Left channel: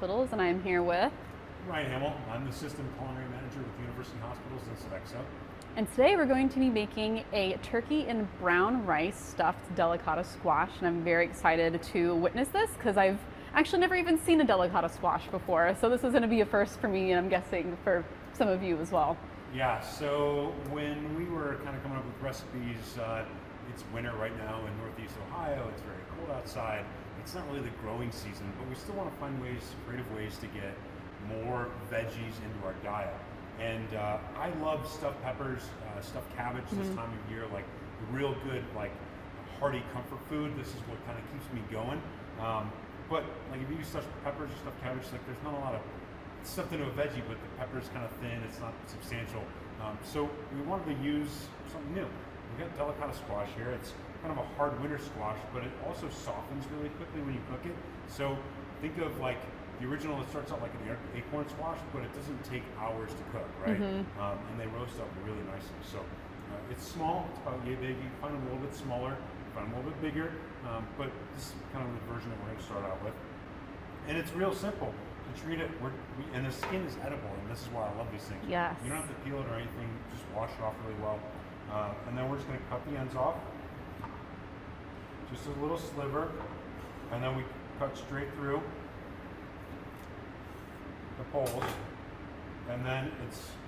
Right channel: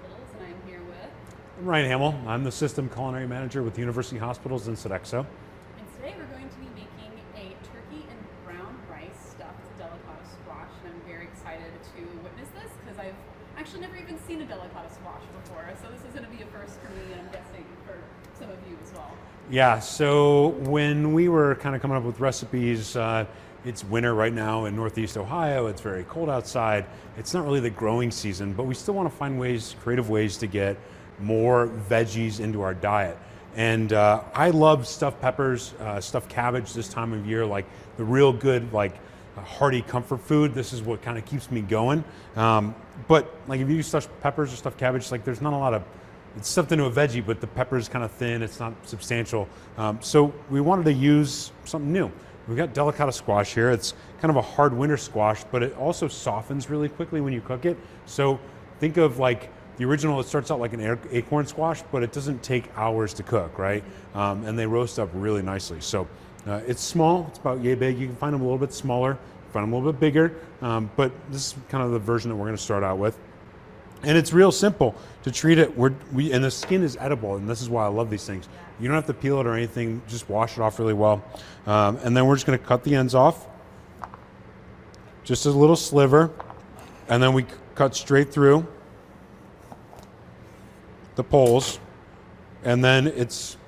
Hospitals, and I am here with... I'm Ryan Hamel. I'm the System Culinary Manager with University Hospitals in Sodexo. And today we're going to be making a turkey and brown rice stuffed delicata squash, and I'm very excited to witness this because I've actually never even seen a delicata squash before, so this is going to be a first for me, and I'm guessing for some of you as well. Yeah, so when we were kind of coming up with recipes, it's winter right now in Northeast Ohio. It's very cold outside. It's not really the growing season, but we still want to find ways, creative ways to get more veggies into our diet. And I love stuffed peppers, stuffed cabbage this time of year, like the real good, like hearty comfort food. This is what kind of keeps me going. But like if you use stuffed peppers or stuffed cabbage, like there's not a lot of, it's stuffed into a veggie, but the pepper is kind of thin, it's not substantial. So we wanted to use something new. We've got delicata squash here. It's kind of a hard winter squash, but it also softens really quickly when you cook it. So think of like the original, it starts out like an acorn squash, but it doesn't take hours to cook, right? And they roast up really nicely. So it's small, it's about yay big. You can find them a little bit smaller, find them a little bit bigger, but this is kind of the version that we're gonna start out with. And it's real simple to treat it. And the skin is edible, and this is why I love these things. Yes. You don't have to peel it or anything, just wash it off really well. And then we're just gonna cut the ends off, just a little sliver, and then we cut straight through the poles, and then it's,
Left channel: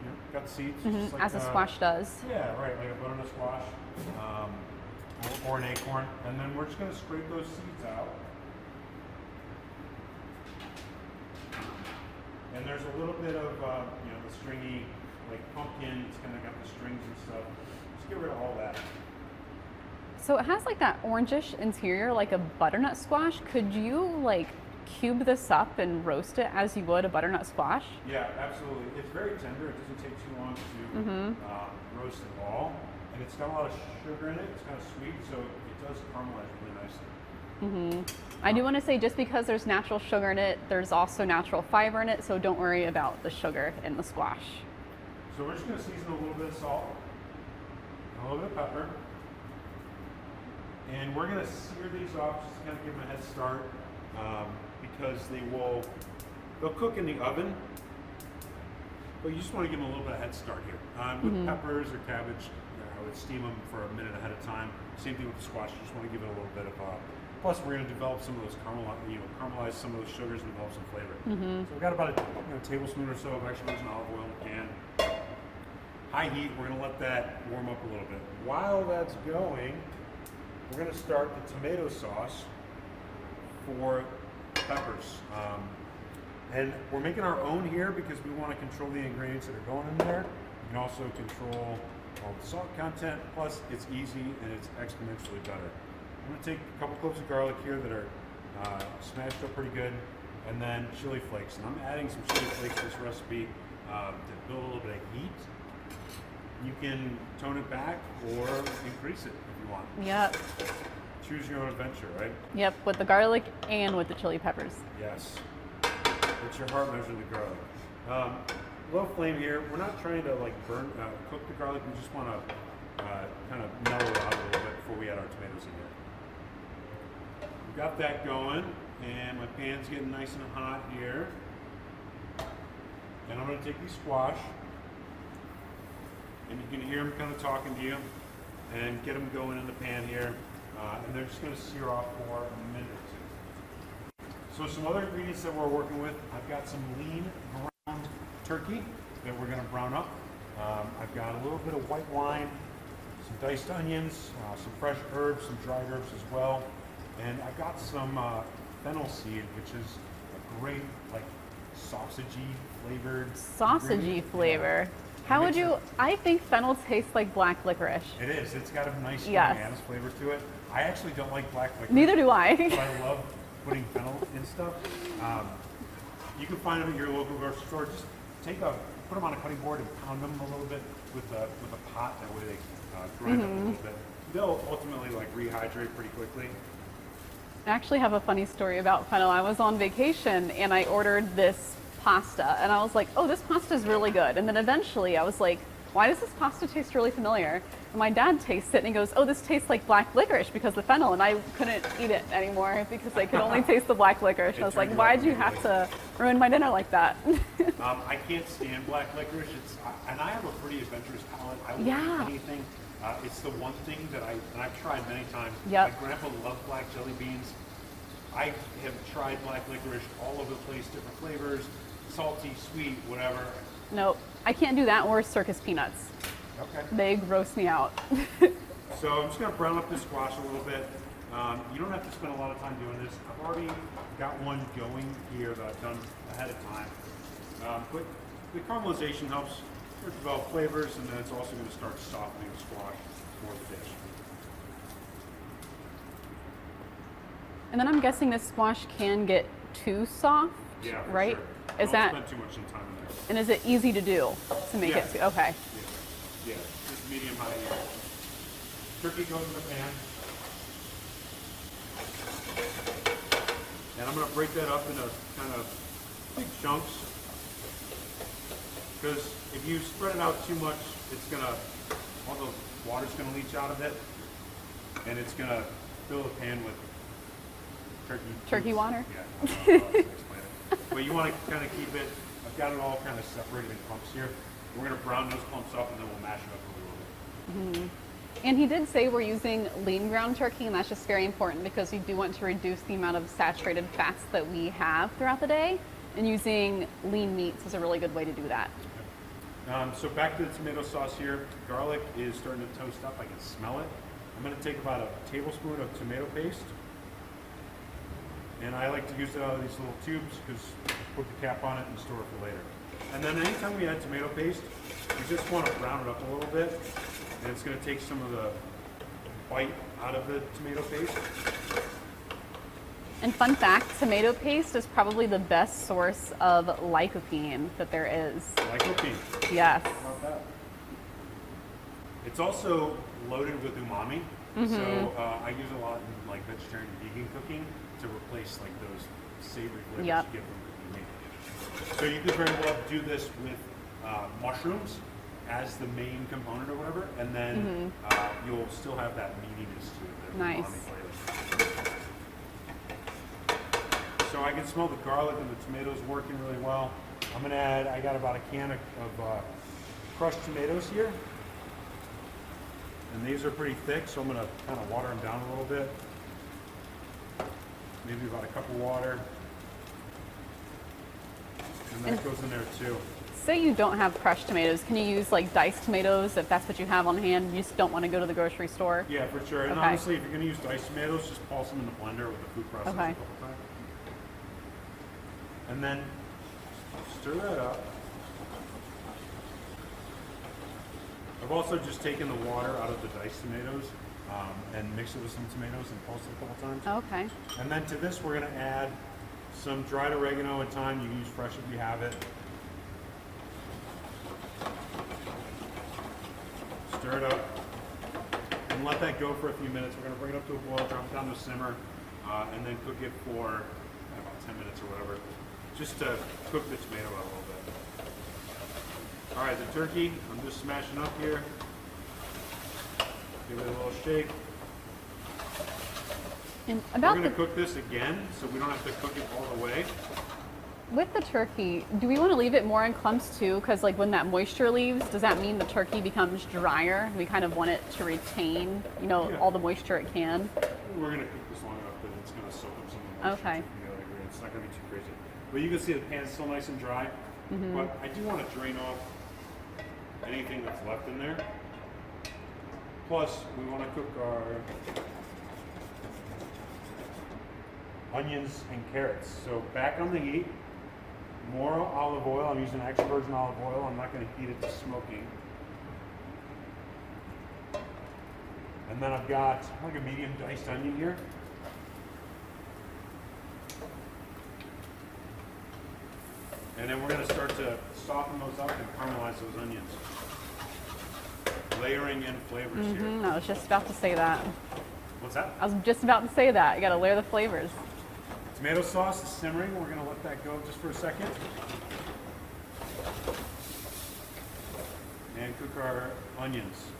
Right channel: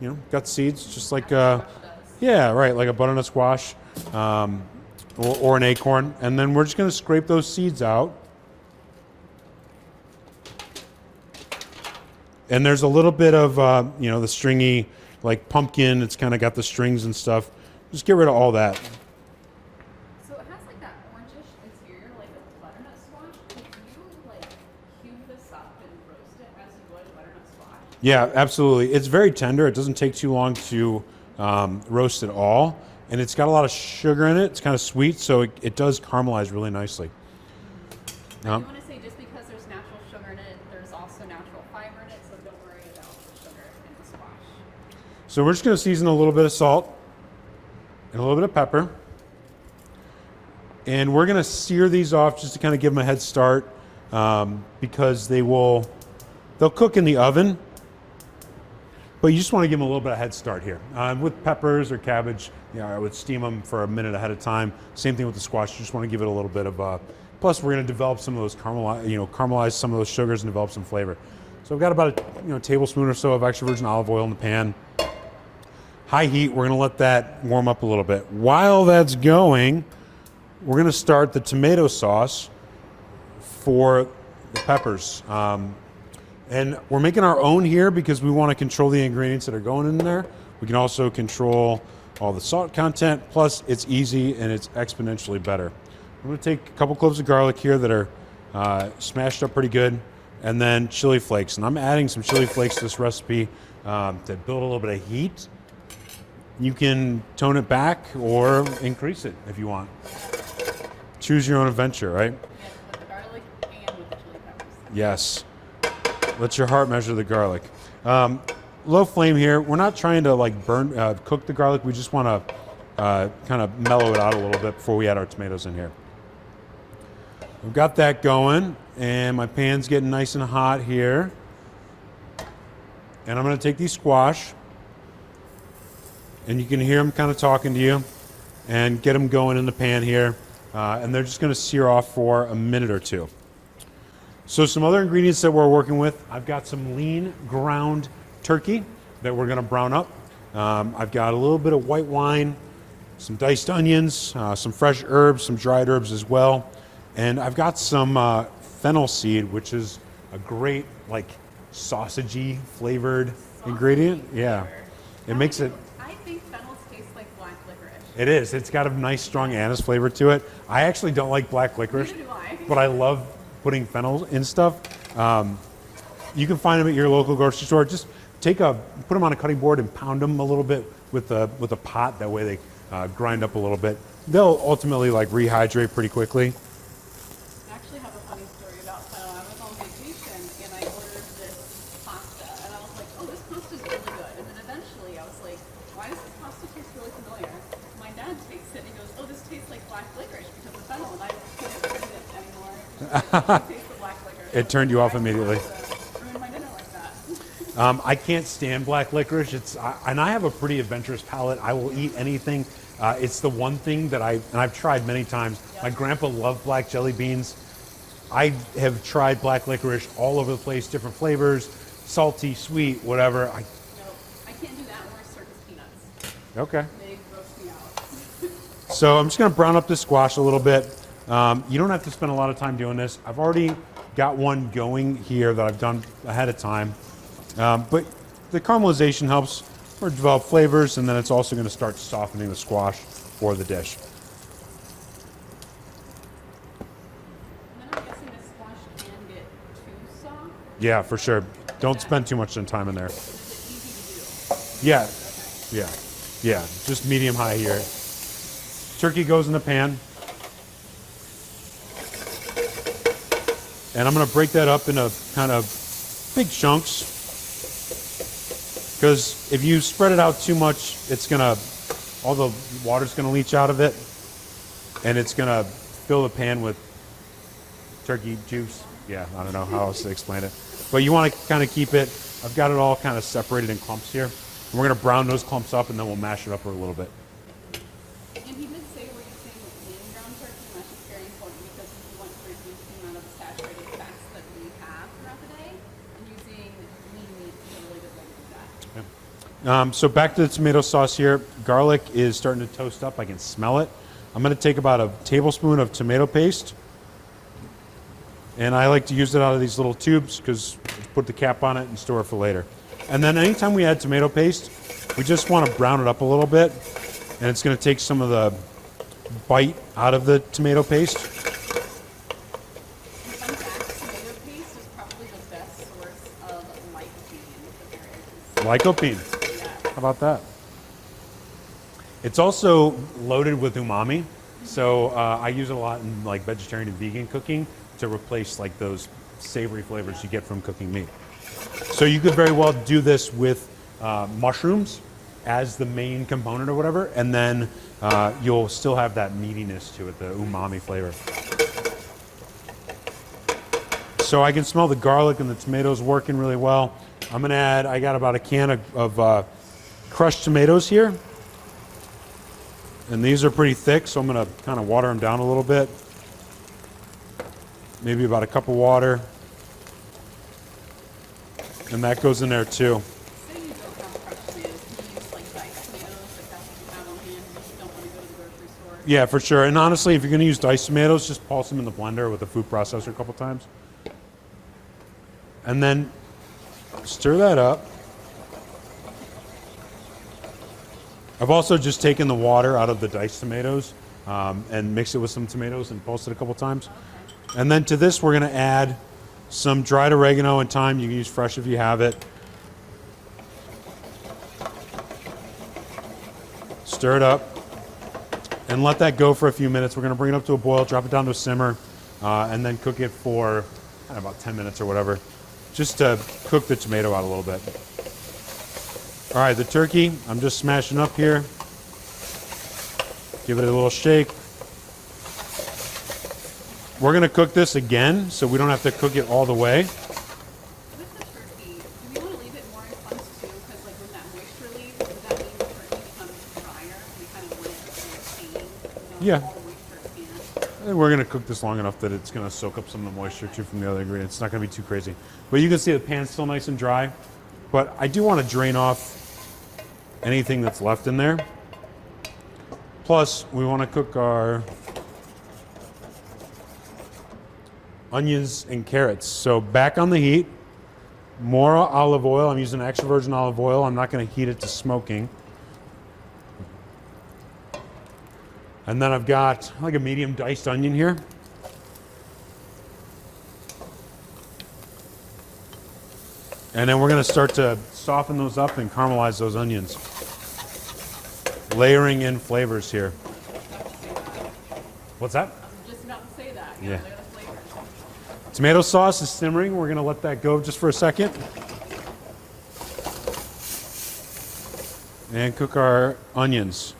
you know, got seeds, just like as a squash does. Yeah, right, like a butternut squash, or an acorn. And then we're just gonna scrape those seeds out. And there's a little bit of, you know, the stringy, like pumpkin, it's kind of got the strings and stuff. Just get rid of all that. So it has like that orangish interior, like a butternut squash. Could you like cube this up and roast it as you would a butternut squash? Yeah, absolutely. It's very tender. It doesn't take too long to roast at all. And it's got a lot of sugar in it. It's kind of sweet, so it does caramelize really nicely. I do want to say, just because there's natural sugar in it, there's also natural fiber in it, so don't worry about the sugar in the squash. So we're just going to season a little bit of salt and a little bit of pepper. And we're going to sear these off just to kind of give them a head start, because they'll cook in the oven, but you just want to give them a little bit of head start here. With peppers or cabbage, you know, I would steam them for a minute ahead of time. Same thing with the squash. You just want to give it a little bit of plus we're going to develop some of those caramelize some of those sugars and develop some flavor. So I've got about a tablespoon or so of extra virgin olive oil in the pan. High heat, we're going to let that warm up a little bit. While that's going, we're going to start the tomato sauce for the peppers. And we're making our own here because we want to control the ingredients that are going in there. We can also control all the salt content, plus it's easy and it's exponentially better. I'm going to take a couple cloves of garlic here that are smashed up pretty good, and then chili flakes. And I'm adding some chili flakes to this recipe to build a little bit of heat. You can tone it back or increase it if you want. Yep. Choose your own adventure, right? Yep, with the garlic and with the chili peppers. Yes. Let your heart measure the garlic. Low flame here. We're not trying to like cook the garlic. We just want to kind of mellow it out a little bit before we add our tomatoes in here. We've got that going, and my pan's getting nice and hot here. And I'm going to take these squash, and you can hear them kind of talking to you, and get them going in the pan here. And they're just going to sear off for a minute or two. So some other ingredients that we're working with, I've got some lean ground turkey that we're going to brown up. I've got a little bit of white wine, some diced onions, some fresh herbs, some dried herbs as well. And I've got some fennel seed, which is a great like sausagey flavored ingredient. Flavor. Yeah. How would you? I think fennel tastes like black licorice. It is. It's got a nice strong anise flavor to it. I actually don't like black licorice. Neither do I. But I love putting fennel in stuff. You can find them at your local grocery store. Just put them on a cutting board and pound them a little bit with a pot. That way they grind up a little bit. They'll ultimately like rehydrate pretty quickly. I actually have a funny story about fennel. I was on vacation and I ordered this pasta, and I was like, oh, this pasta is really good. And then eventually I was like, why does this pasta taste really familiar? And my dad tastes it and he goes, oh, this tastes like black licorice because of fennel. And I couldn't eat it anymore because I could only taste the black licorice. It turned you off immediately. Why do you have to ruin my dinner like that? I can't stand black licorice. And I have a pretty adventurous palate. I will eat anything. It's the one thing that I've tried many times. Yep. My grandpa loved black jelly beans. I have tried black licorice all over the place, different flavors, salty, sweet, whatever. Nope, I can't do that or circus peanuts. Okay. They gross me out. So I'm just gonna brown up the squash a little bit. You don't have to spend a lot of time doing this. I've already got one going here that I've done ahead of time. But the caramelization helps or develop flavors, and then it's also gonna start softening the squash for the dish. And then I'm guessing this squash can get too soft. Yeah, for right? sure. Is Don't that- spend too much time in there. And is it easy to do? To make Yeah. it- okay. Yeah, yeah, just medium high here. Turkey goes in the pan. And I'm gonna break that up into kind of big chunks. Because if you spread it out too much, all the water's gonna leach out of it. And it's gonna fill the pan with turkey juice. Turkey water? Yeah, I don't know how else to explain it. But you wanna kind of keep it, I've got it all kind of separated in clumps here. And we're gonna brown those clumps up and then we'll mash it up a little bit. And he did say we're using lean ground turkey, and that's just very important because we do want to reduce the amount of saturated fats that we have throughout the day. And using lean meats is a really good way to do that. So back to the tomato sauce here. Garlic is starting to toast up. I can smell it. I'm going to take about a tablespoon of tomato paste. And I like to use it out of these little tubes because put the cap on it and store it for later. And then anytime we add tomato paste, we just want to brown it up a little bit. And it's going to take some of the bite out of the tomato paste. And fun fact, tomato paste is probably the best source of lycopene that there is. Lycopene. Yes. How about that? It's also loaded with umami. So I use it a lot in like vegetarian and vegan cooking to replace like those savory flavors Yep. you get from cooking meat. So you could very well do this with mushrooms as the main component or whatever, and then you'll still have that meatiness to it, the Nice. umami flavor. So I can smell the garlic and the tomatoes working really well. I'm gonna add, I got about a can of crushed tomatoes here. And these are pretty thick, so I'm gonna kind of water them down a little bit. Maybe about a cup of water. And that goes in there too. Say you don't have crushed tomatoes, can you use like diced tomatoes if that's what you have on hand? You just don't want to go to the grocery store. Yeah, for sure. And honestly, if you're gonna use diced tomatoes, just pulse them in the blender with a food processor Okay. a couple times. And then stir that up. I've also just taken the water out of the diced tomatoes and mixed it with some tomatoes and pulsed it a couple times. Okay. And then to this, we're gonna add some dried oregano and thyme. You can use fresh if you have it. Stir it up and let that go for a few minutes. We're gonna bring it up to a boil, drop it down to a simmer, and then cook it for about 10 minutes or whatever, just to cook the tomato out a little bit. All right, the turkey, I'm just smashing up here. Give it a little shake. And We're gonna cook this again, so we don't have to cook it all the way. with the turkey, do we want to leave it more in clumps too? Because like when that moisture leaves, does that mean the turkey becomes drier? We kind of want it to retain, Yeah. all the moisture it can. And we're gonna cook this long enough that it's gonna soak up some of the moisture Okay. too from the other ingredients. It's not gonna be too crazy. But you can see the pan's still nice and dry. But I do want to drain off anything that's left in there. Plus, we want to cook our onions and carrots. So back on the heat, more olive oil. I'm using extra virgin olive oil. I'm not going to heat it to smoking. And then I've got like a medium diced onion here. And then we're going to start to soften those up and caramelize those onions. Layering in flavors here. I was just about to say that. What's that? I was just about to say that. You got to Yeah. layer the flavors. Tomato sauce is simmering. We're going to let that go just for a second. and cook our onions.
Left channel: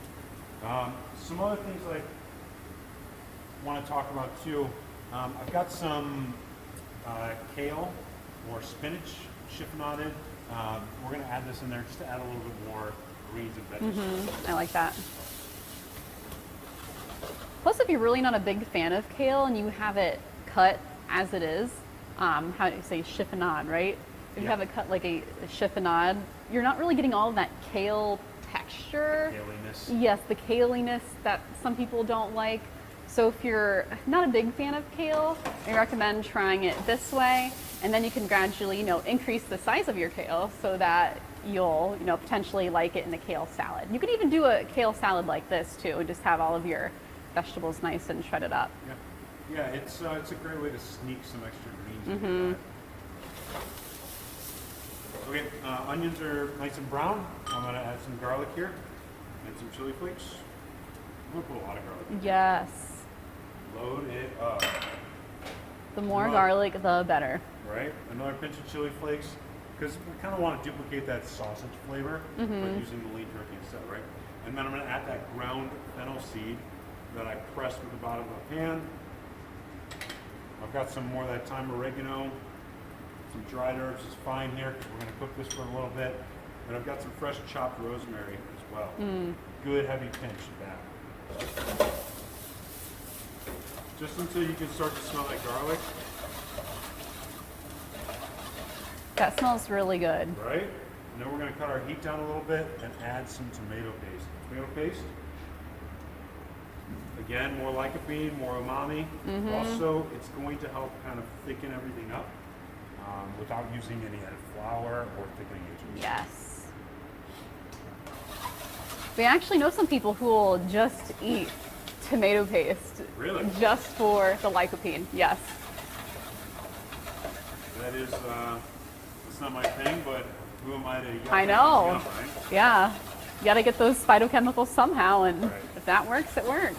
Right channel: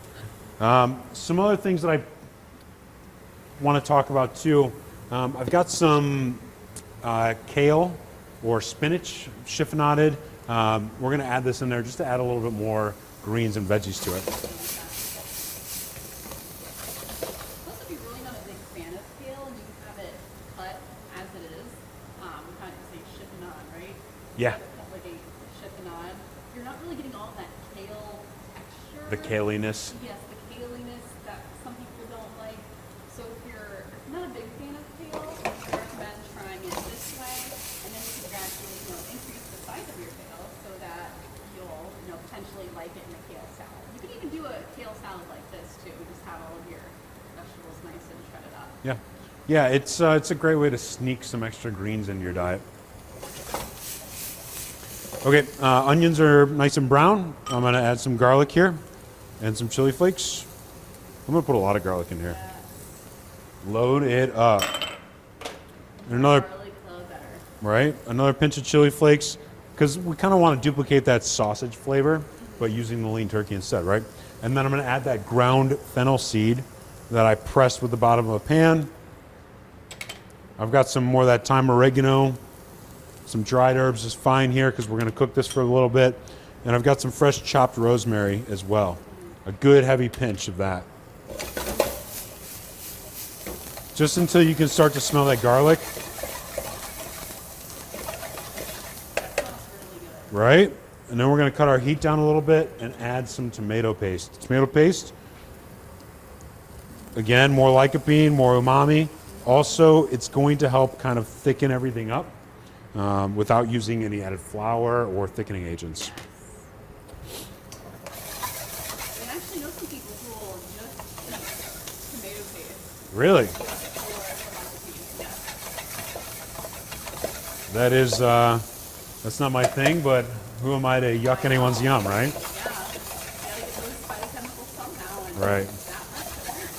Some other things that I want to talk about too. I've got some kale or spinach chiffonaded. We're going to add this in there just to add a little bit more greens and veggies to it. I like that. Plus, if you're really not a big fan of kale and you have it cut as it is, how do you say chiffonade, right? If you have it cut like a chiffonade, you're not really getting all of that kale texture. The kaliness. Yes, the kaliness that some people don't like. So if you're not a big fan of kale, I recommend trying it this way, and then you can gradually, increase the size of your kale so that you'll, potentially like it in a kale salad. You could even do a kale salad like this too, just have all of your vegetables nice and shredded up. Yeah, yeah, it's a great way to sneak some extra greens in your diet. Okay, onions are nice and brown. I'm gonna add some garlic here and some chili flakes. I'm gonna put a lot of garlic in here. Yes. Load it up. The more garlic, the better. Right, another pinch of chili flakes, because we kind of want to duplicate that sausage flavor, but using the lean turkey instead, right? And then I'm gonna add that ground fennel seed that I pressed with the bottom of a pan. I've got some more of that thyme oregano. Some dried herbs is fine here because we're going to cook this for a little bit. And I've got some fresh chopped rosemary as well. A good heavy pinch of that. Just until you can start to smell that garlic. That smells really good. Right? And then we're going to cut our heat down a little bit and add some tomato paste. Tomato paste, again, more lycopene, more umami. Also, it's going to help kind of thicken everything up. Without using any added flour or thickening agents. Yes. We actually know some people who will just eat tomato paste. Really? Just for the lycopene, yes. That is, that's not my thing, but who am I to yuck anyone's yum, right? Yeah. You gotta get those phytochemicals somehow, and right. If that works, it works.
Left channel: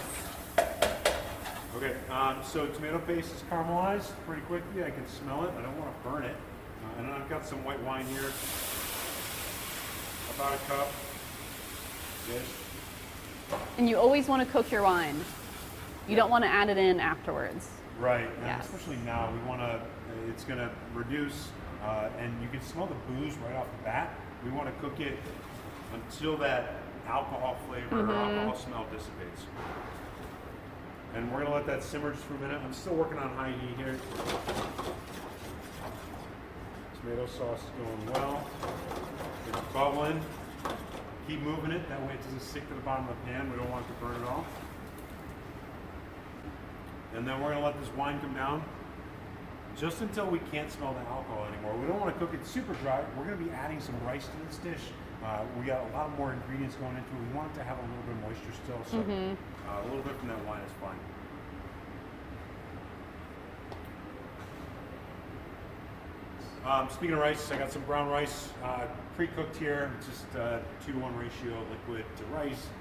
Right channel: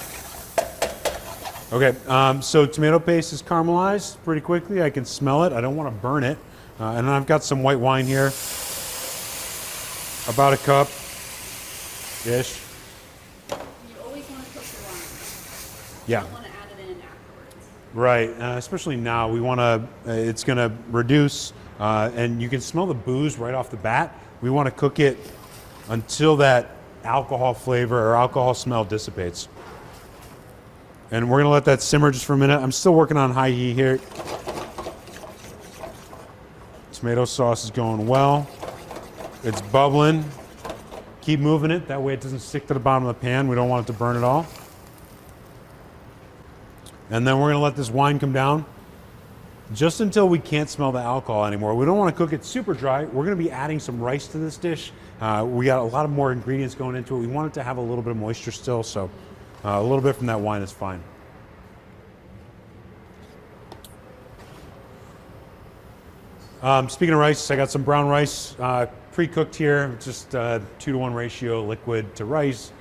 Okay, so tomato paste is caramelized pretty quickly. I can smell it. I don't want to burn it. And then I've got some white wine here. About a cup-ish. And you always want to cook your wine. You don't want to add it in afterwards. Right, especially now. We want to, it's going to reduce, and you can smell the booze right off the bat. We want to cook it until that alcohol flavor or alcohol smell dissipates. And we're gonna let that simmer just for a minute. I'm still working on high heat here. Tomato sauce is going well. It's bubbling. Keep moving it, that way it doesn't stick to the bottom of the pan. We don't want it to burn at all. And then we're gonna let this wine come down just until we can't smell the alcohol anymore. We don't wanna cook it super dry. We're gonna be adding some rice to this dish. We got a lot of more ingredients going into it. We want it to have a little bit of moisture still, so a little bit from that wine is fine. Speaking of rice, I got some brown rice pre-cooked here, just 2-to-1 ratio liquid to rice.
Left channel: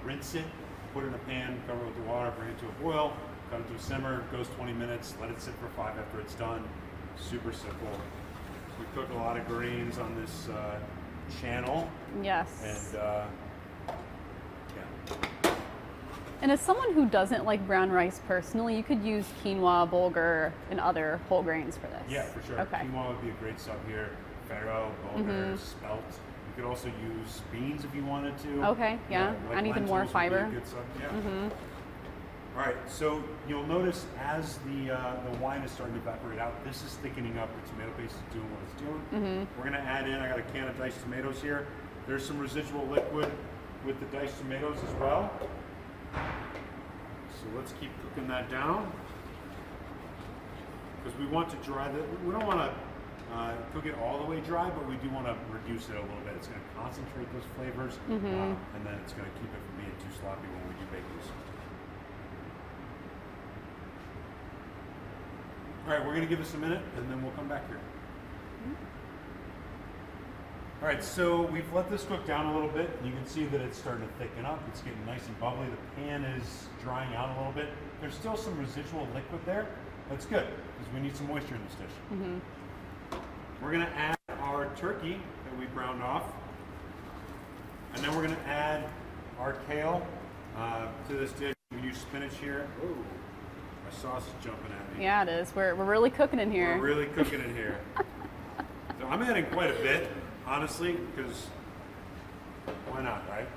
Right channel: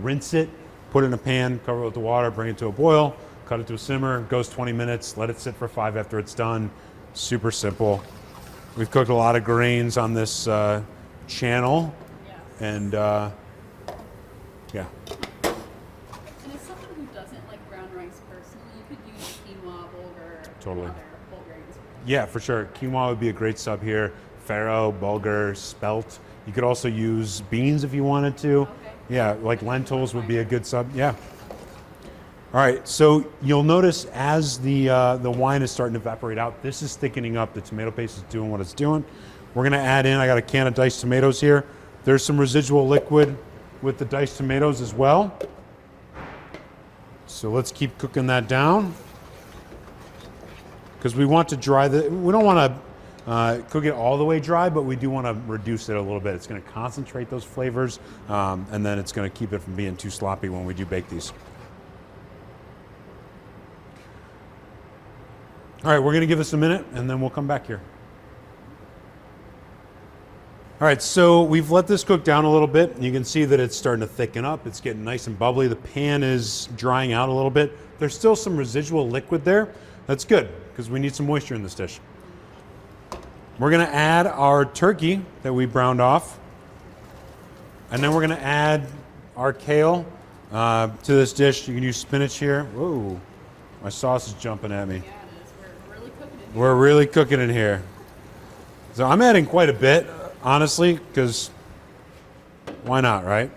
Rinse it, put it in a pan, cover it with the water, bring it to a boil, cut it to a simmer, goes 20 minutes, let it sit for 5 after it's done. Super simple. We've cooked a lot of grains on this channel. Yes. And yeah. And as someone who doesn't like brown rice personally, you could use quinoa, bulgur, and other whole grains for this. Yeah, for sure. Okay. Quinoa would be a great sub here. Farro, bulgur, spelt. You could also use beans if you wanted to. Okay. Yeah, like Add even more lentils would be a fiber. good sub. Yeah. All right, so you'll notice as the wine is starting to evaporate out, this is thickening up. The tomato paste is doing what it's doing. We're gonna add in, I got a can of diced tomatoes here. There's some residual liquid with the diced tomatoes as well. So let's keep cooking that down. Because we want to dry we don't want to cook it all the way dry, but we do want to reduce it a little bit. It's going to concentrate those flavors, and then it's going to keep it from being too sloppy when we do bake these. All right, we're going to give this a minute, and then we'll come back here. All right, so we've let this cook down a little bit. You can see that it's starting to thicken up. It's getting nice and bubbly. The pan is drying out a little bit. There's still some residual liquid there. That's good, because we need some moisture in this dish. We're gonna add our turkey that we browned off. And then we're gonna add our kale to this dish. You can use spinach here. Whoa, my sauce is jumping at me. Yeah, it is. We're really cooking in here. We're really cooking in here. So I'm adding quite a bit, honestly, because why not, right?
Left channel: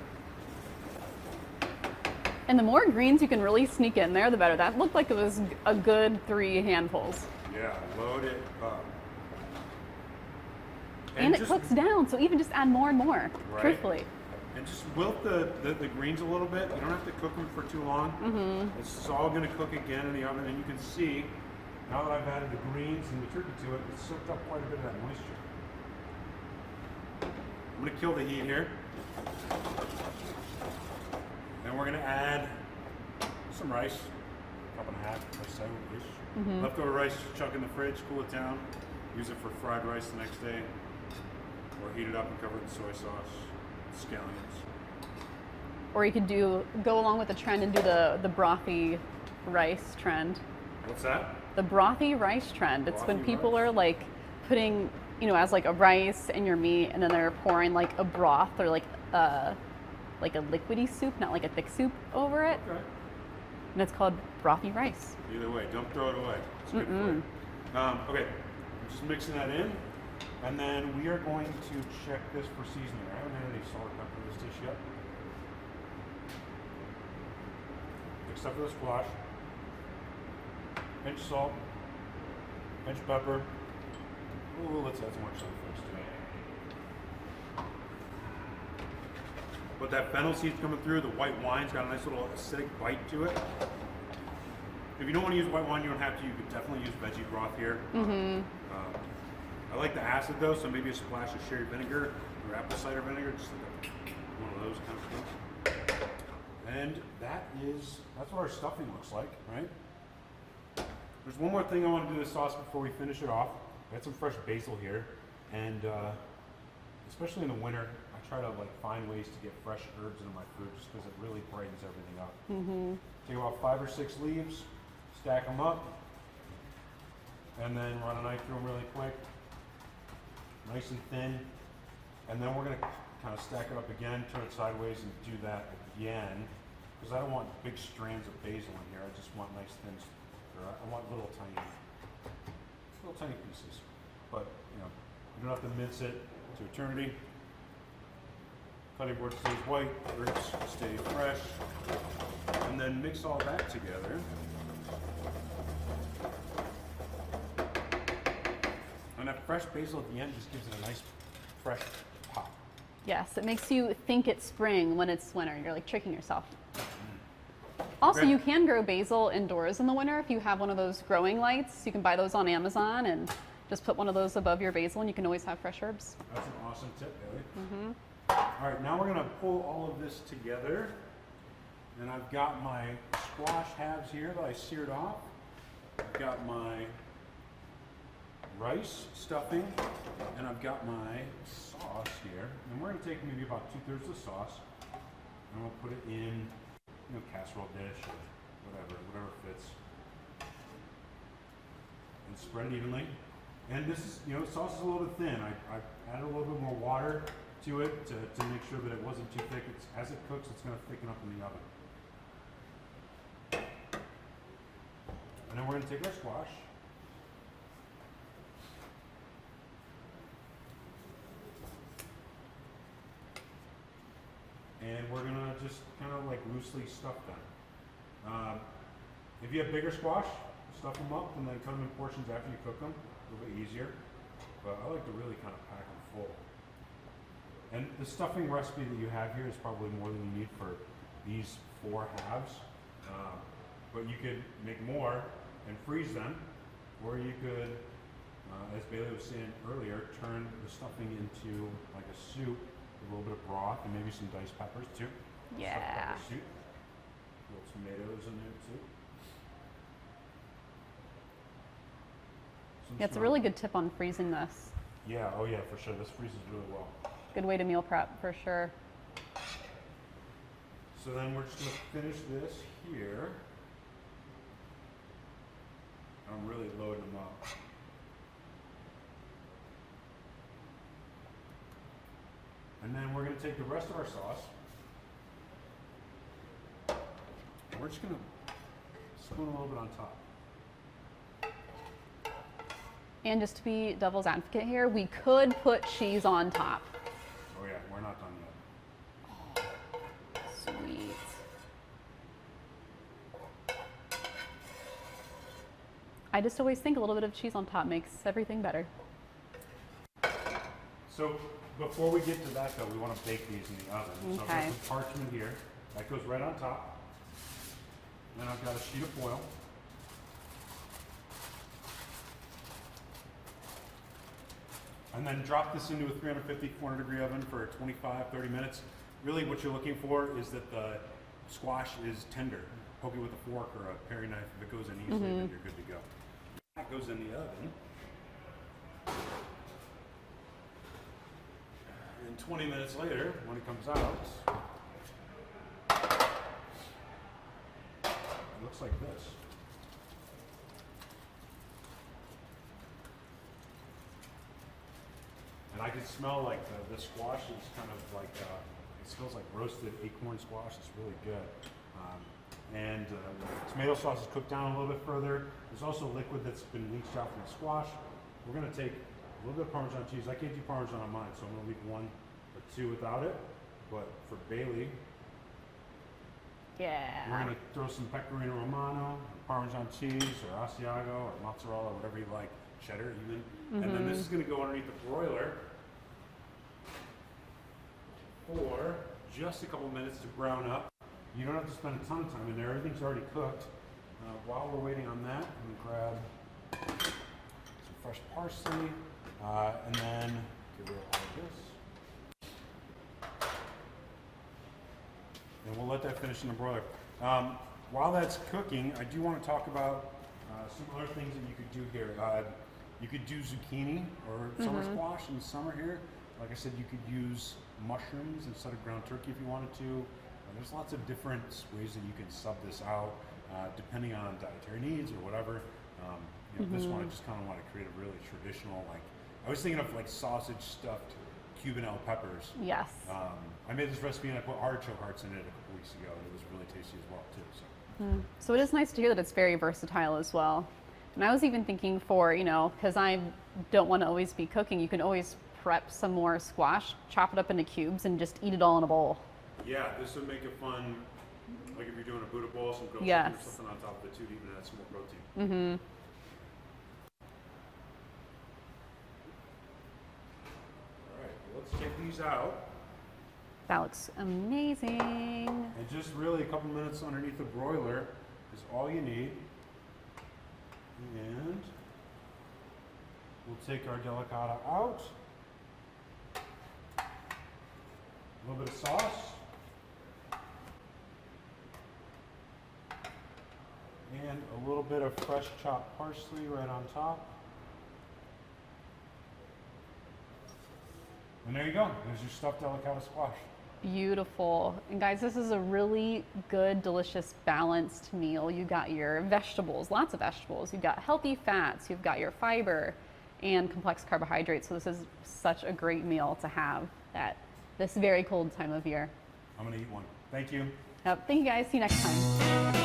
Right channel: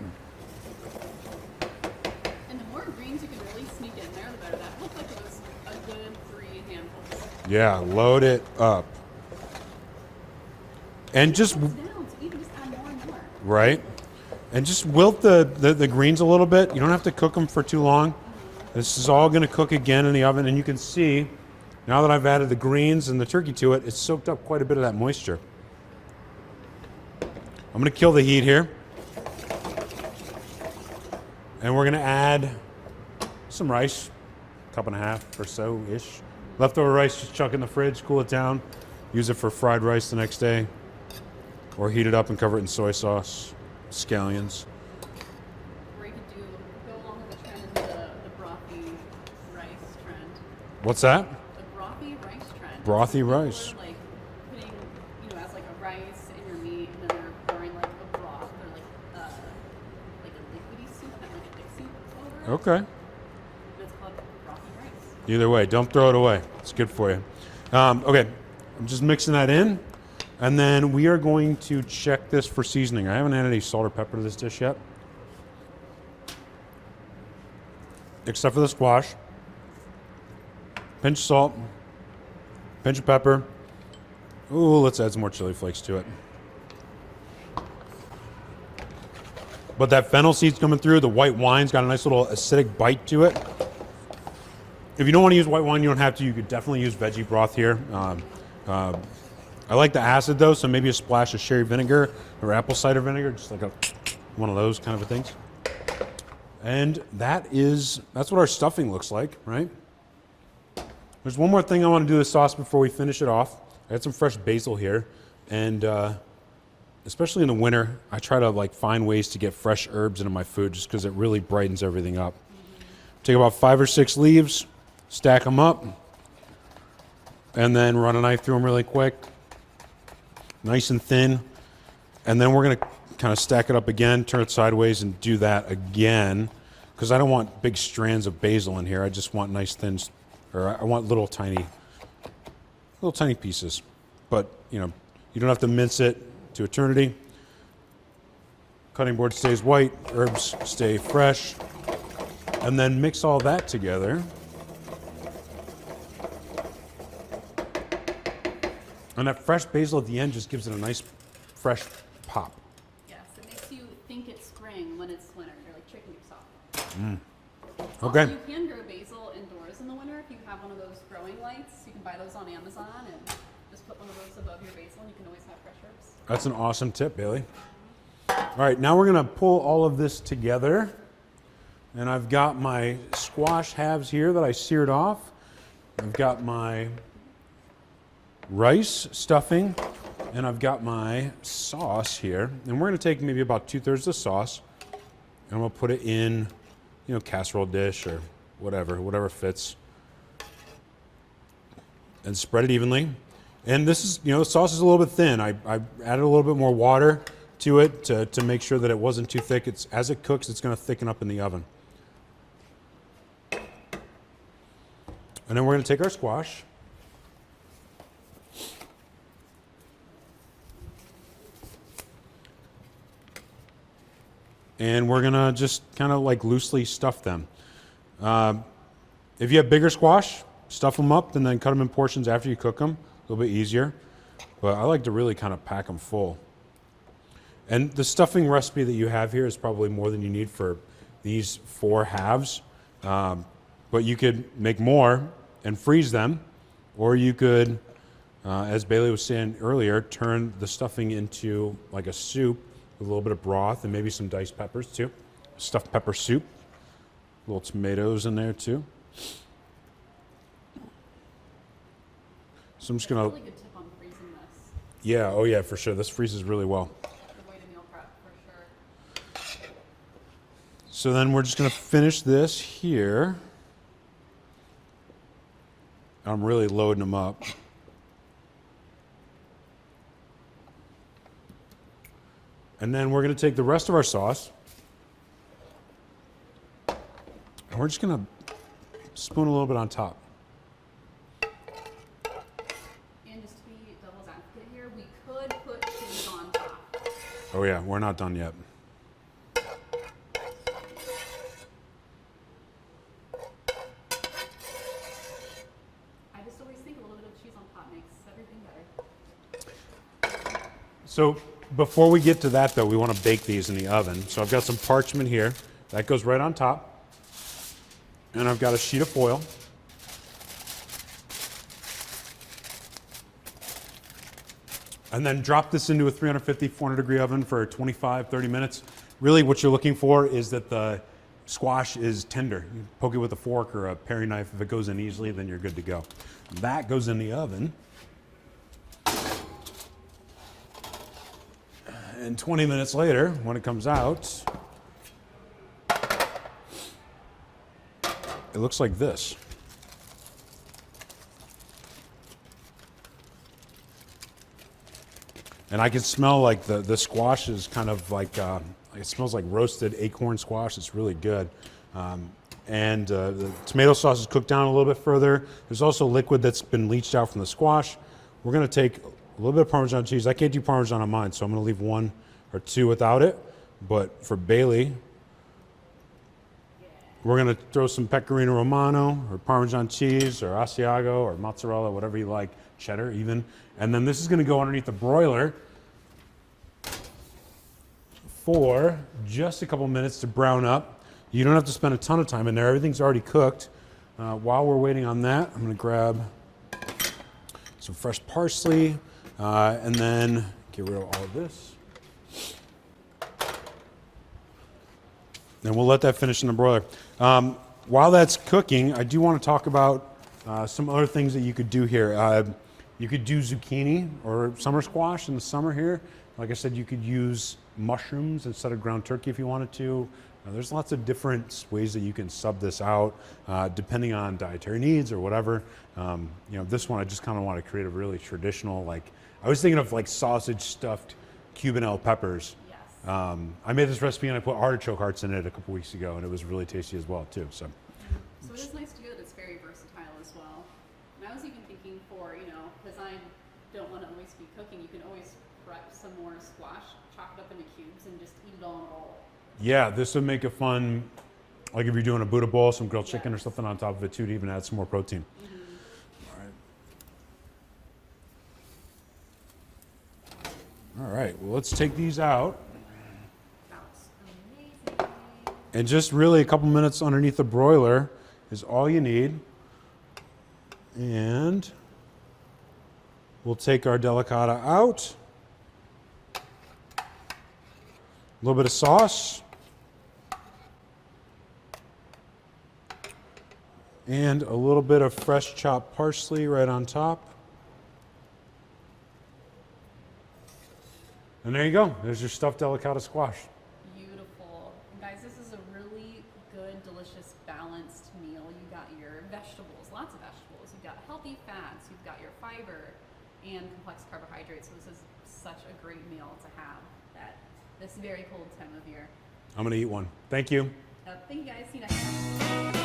And the more greens you can really sneak in there, the better. That looked like it was a good 3 handfuls. Yeah, load it up. And it just cooks down, so even just add more and more. right. Quickly. And just wilt the greens a little bit. You don't have to cook them for too long. This is all going to cook again in the oven, and you can see now that I've added the greens and the turkey to it, it's soaked up quite a bit of that moisture. I'm going to kill the heat here. And we're going to add some rice, cup and a half or so-ish. Leftover rice, just chuck in the fridge, cool it down. Use it for fried rice the next day. Or heat it up and cover it in soy sauce, scallions. Or you could go along with the trend and do the brothy rice trend. What's that? The brothy rice trend. Brothy it's when people rice. are like putting, as like a rice in your meat, and then they're pouring like a broth or like a liquidy soup, not like a thick soup over it. Okay. And it's called brothy rice. Either way, don't throw it away. It's good for you. Okay, I'm just mixing that in. And then we are going to check this for seasoning. I haven't added any salt or pepper to this dish yet. Except for the squash. Pinch of salt. Pinch of pepper. Ooh, let's add some more chili flakes to it. But that fennel seed's coming through. The white wine's got a nice little acidic bite to it. If you don't want to use white wine, you don't have to. You could definitely use veggie broth here. I like the acid though, so maybe a splash of sherry vinegar or apple cider vinegar, just like one of those kind of things. And that's what our stuffing looks like, right? There's one more thing I want to do with sauce before we finish it off. I had some fresh basil here, and especially in the winter, I try to find ways to get fresh herbs into my food just because it really brightens everything up. Take about 5 or 6 leaves, stack them up, and then run a knife through them really quick, nice and thin. And then we're going to kind of stack it up again, turn it sideways, and do that again because I don't want big strands of basil in here. I just want nice thin, or I want little tiny pieces. But you don't have to mince it to eternity. Cutting board stays white, herbs stay fresh, and then mix all that together. And that fresh basil at the end just gives it a nice, fresh pop. Yes, it makes you think it's spring when it's winter. You're like tricking yourself. Okay. Also, you can grow basil indoors in the winter if you have one of those growing lights. You can buy those on Amazon and just put one of those above your basil, and you can always have fresh herbs. That's an awesome tip, Bailey. All right, now we're gonna pull all of this together. And I've got my squash halves here that I seared off. I've got my rice stuffing, and I've got my sauce here. And we're gonna take maybe about 2/3 of the sauce, and I'm gonna put it in, casserole dish or whatever fits. And spread it evenly. And this is, the sauce is a little bit thin. I added a little bit more water to it to make sure that it wasn't too thick. As it cooks, it's gonna thicken up in the oven. And then we're gonna take our squash. And we're gonna just kind of loosely stuff them. If you have bigger squash, stuff them up and then cut them in portions after you cook them. A little bit easier. But I like to really kind of pack them full. And the stuffing recipe that you have here is probably more than you need for these 4 halves. But you could make more and freeze them, or you could, as Bailey was saying earlier, turn the stuffing into like a soup with a little bit of broth and maybe some diced peppers too. Yeah. Stuffed pepper soup. Little tomatoes in there too. So I'm just It's a really good tip on freezing this. Yeah, oh yeah, for sure. This freezes really well. Good way to meal prep for sure. So then we're just gonna finish this here. I'm really loading them up. And then we're going to take the rest of our sauce, and we're just going to spoon a little bit on top. And just to be devil's advocate here, we could put cheese on top. Oh yeah, we're not done yet. Sweet. I just always think a little bit of cheese on top makes everything better. So before we get to that though, we want to bake these in the oven. So I've got some parchment here. That goes right on top. And I've got a sheet of foil. And then drop this into a 350, 400 degree oven for 25, 30 minutes. Really what you're looking for is that the squash is tender. You poke it with a fork or a paring knife. If it goes in easily, then you're good to go. That goes in the oven. And 20 minutes later, when it comes out, it looks like this. And I can smell like the squash is kind of like, it smells like roasted acorn squash. It's really good. The tomato sauce is cooked down a little bit further. There's also liquid that's been leached out from the squash. We're gonna take a little bit of Parmesan cheese. I can't do Parmesan on mine, so I'm gonna leave one or two without it. But for Bailey, we're gonna throw some Pecorino Romano or Parmesan cheese or Asiago or mozzarella, whatever you like, cheddar even. And then this is gonna go underneath the broiler for just a couple minutes to brown up. You don't have to spend a ton of time in there. Everything's already cooked. While we're waiting on that, I'm gonna grab some fresh parsley and then get rid of all of this. And we'll let that finish in the broiler. While that's cooking, I do want to talk about some other things that you could do here. You could do zucchini or summer squash in the summer here. Like I said, you could use mushrooms instead of ground turkey if you wanted to. There's lots of different ways that you can sub this out depending on dietary needs or whatever. This one I just kind of want to create a really traditional, like, I was thinking of like sausage stuffed Cubanelle peppers. Yes. I made this recipe and I put artichoke hearts in it a couple weeks ago, and it was really tasty as well too. So it is nice to hear that it's very versatile as well. And I was even thinking for, because I don't want to always be cooking, you can always prep some more squash, chop it up into cubes, and just eat it all in a bowl. Yeah, this would make it fun, like if you're doing a Buddha bowl, some grilled chicken or Yes. something on top of it too, to even add some more protein. All right, well, let's take these out. That looks amazing. And just really a couple minutes underneath the broiler is all you need. And we'll take our delicata out. A little bit of sauce. And a little bit of fresh chopped parsley right on top. And there you go. There's your stuffed delicata squash. Beautiful. And guys, this is a really good, delicious, balanced meal. You got your vegetables, lots of vegetables. You've got healthy fats. You've got your fiber and complex carbohydrates. So this is such a great meal to have at this very cold time of year. I'm going to eat one. Thank you. Thank you guys. See you next time.